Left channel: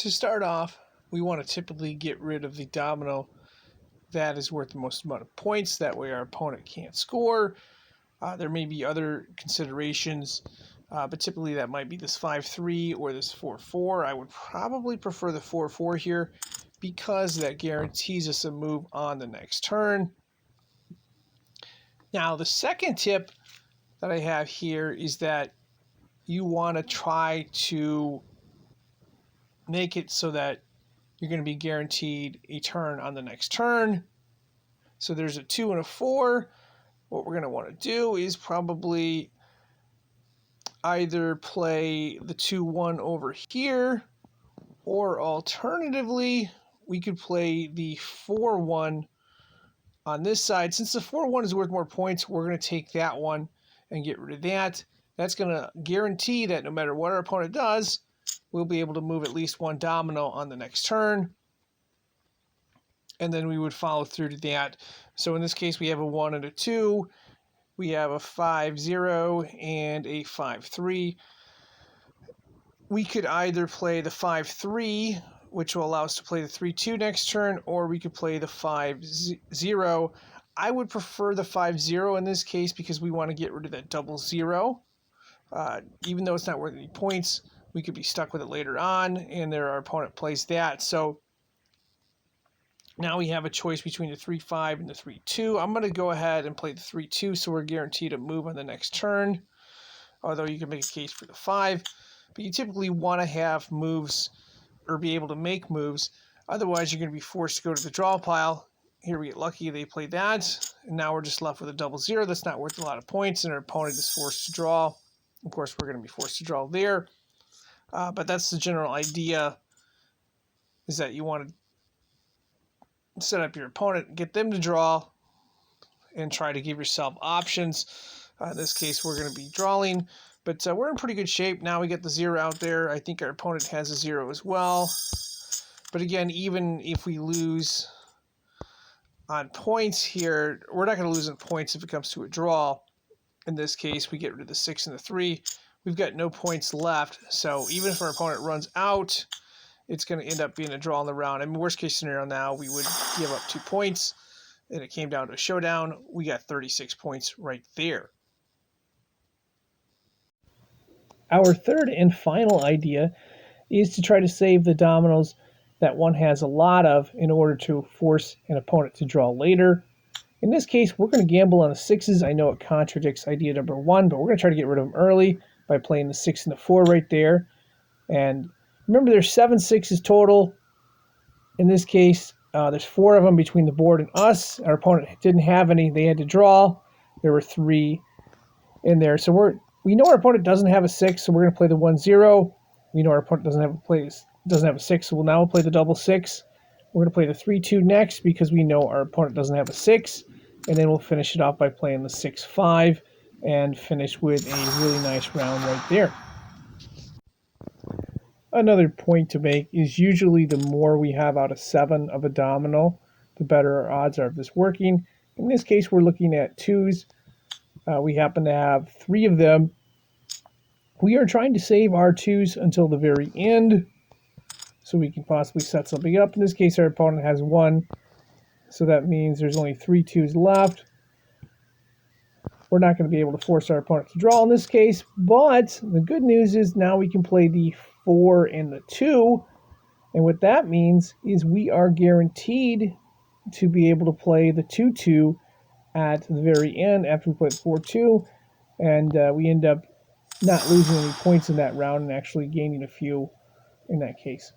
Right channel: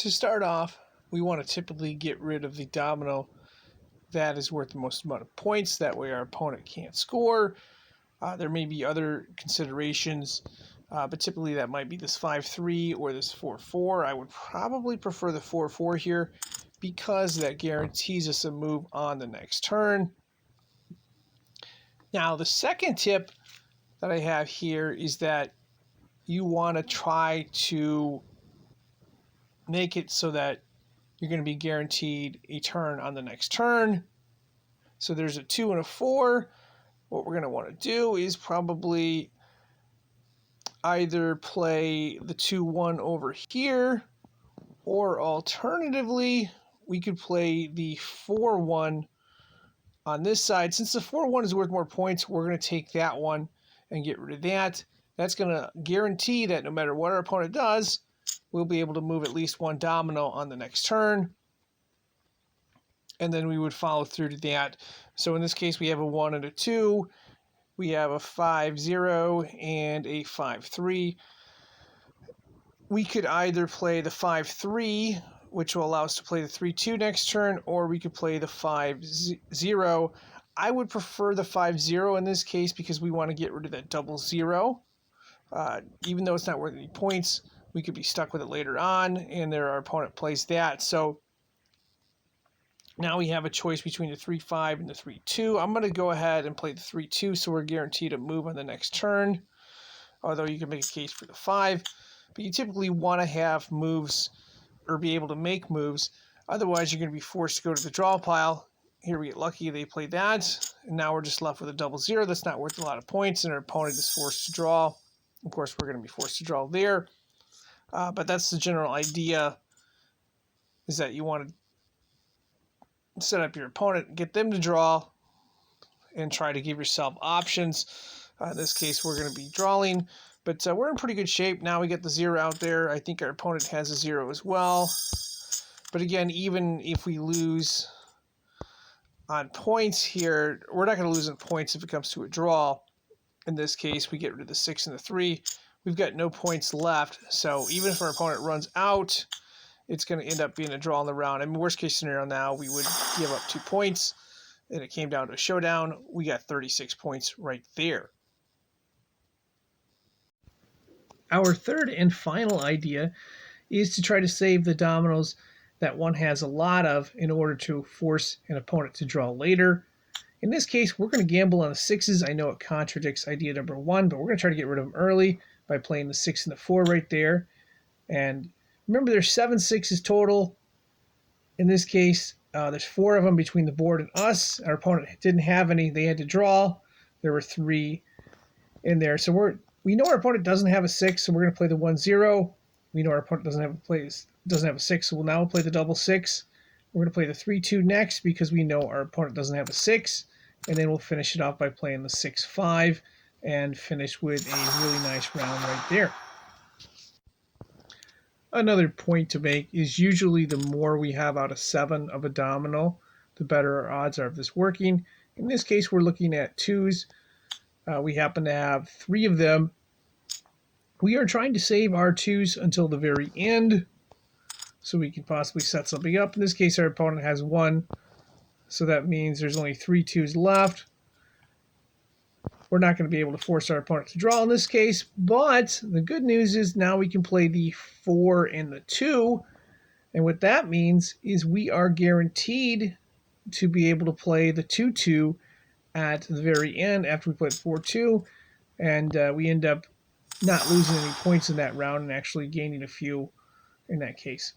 To start off, we want to typically get rid of the domino that is worth the most amount of points. That way our opponent can't score. There may be other considerations, but typically that might be this 5-3 or this 4-4. I would probably prefer the 4-4 here because that guarantees us a move on the next turn. Now, the second tip that I have here is that you want to try to make it so that you're going to be guaranteed a turn on the next turn. So there's a 2 and a 4. What we're going to want to do is probably either play the 2-1 over here, or alternatively, we could play the 4-1 on this side. Since the 4-1 is worth more points, we're going to take that one and get rid of that. That's going to guarantee that no matter what our opponent does, we'll be able to move at least one domino on the next turn. And then we would follow through to that. So in this case, we have a 1 and a 2. We have a 5-0 and a 5-3. We could either play the 5-3, which will allow us to play the 3-2 next turn, or we could play the 5-0. I would prefer the 5-0 in this case because we want to get rid of that double 0. Even though it's not worth any points, we could be stuck with it later on, and our opponent plays that. So now we have a choice between the 3-5 and the 3-2. I'm going to go ahead and play the 3-2, so we're guaranteed a move on the next turn, although you can make a case for the 5. But you typically want to have moves or be able to make moves. Otherwise, you're going to be forced to go to the draw pile. Here we get lucky. They play that, and now we're just left with a double 0. That's not worth a lot of points, and our opponent is forced to draw. Of course, we're going to be forced to draw there. But that's the general idea, is that you want to set up your opponent, get them to draw, and try to give yourself options. In this case, we're going to be drawing, but we're in pretty good shape. Now we get the 0 out there. I think our opponent has a 0 as well. But again, even if we lose on points here, we're not going to lose on points if it comes to a draw. In this case, we get rid of the 6 and the 3. We've got no points left, so even if our opponent runs out, it's going to end up being a draw in the round. I mean, worst case scenario now, we would give up 2 points, and it came down to a showdown. We got 36 points right there. Our third and final idea is to try to save the dominoes that one has a lot of in order to force an opponent to draw later. In this case, we're going to gamble on the 6s. I know it contradicts idea number 1, but we're going to try to get rid of them early by playing the 6 and the 4 right there. And remember, there's 7 6s total. In this case, there's 4 of them between the board and us. Our opponent didn't have any. They had to draw. There were 3 in there. So we know our opponent doesn't have a 6, so we're going to play the 1-0. We know our opponent doesn't have a 6, so we'll now play the double 6. We're going to play the 3-2 next because we know our opponent doesn't have a 6. And then we'll finish it off by playing the 6-5 and finish with a really nice round right there. Another point to make is usually the more we have out of 7 of a domino, the better our odds are of this working. In this case, we're looking at 2s. We happen to have 3 of them. We are trying to save our 2s until the very end, so we can possibly set something up. In this case, our opponent has 1, so that means there's only 3 2s left. We're not going to be able to force our opponent to draw in this case, but the good news is now we can play the 4 and the 2, and what that means is we are guaranteed to be able to play the 2-2 at the very end after we play the 4-2, and we end up not losing any points in that round and actually gaining a few in that case.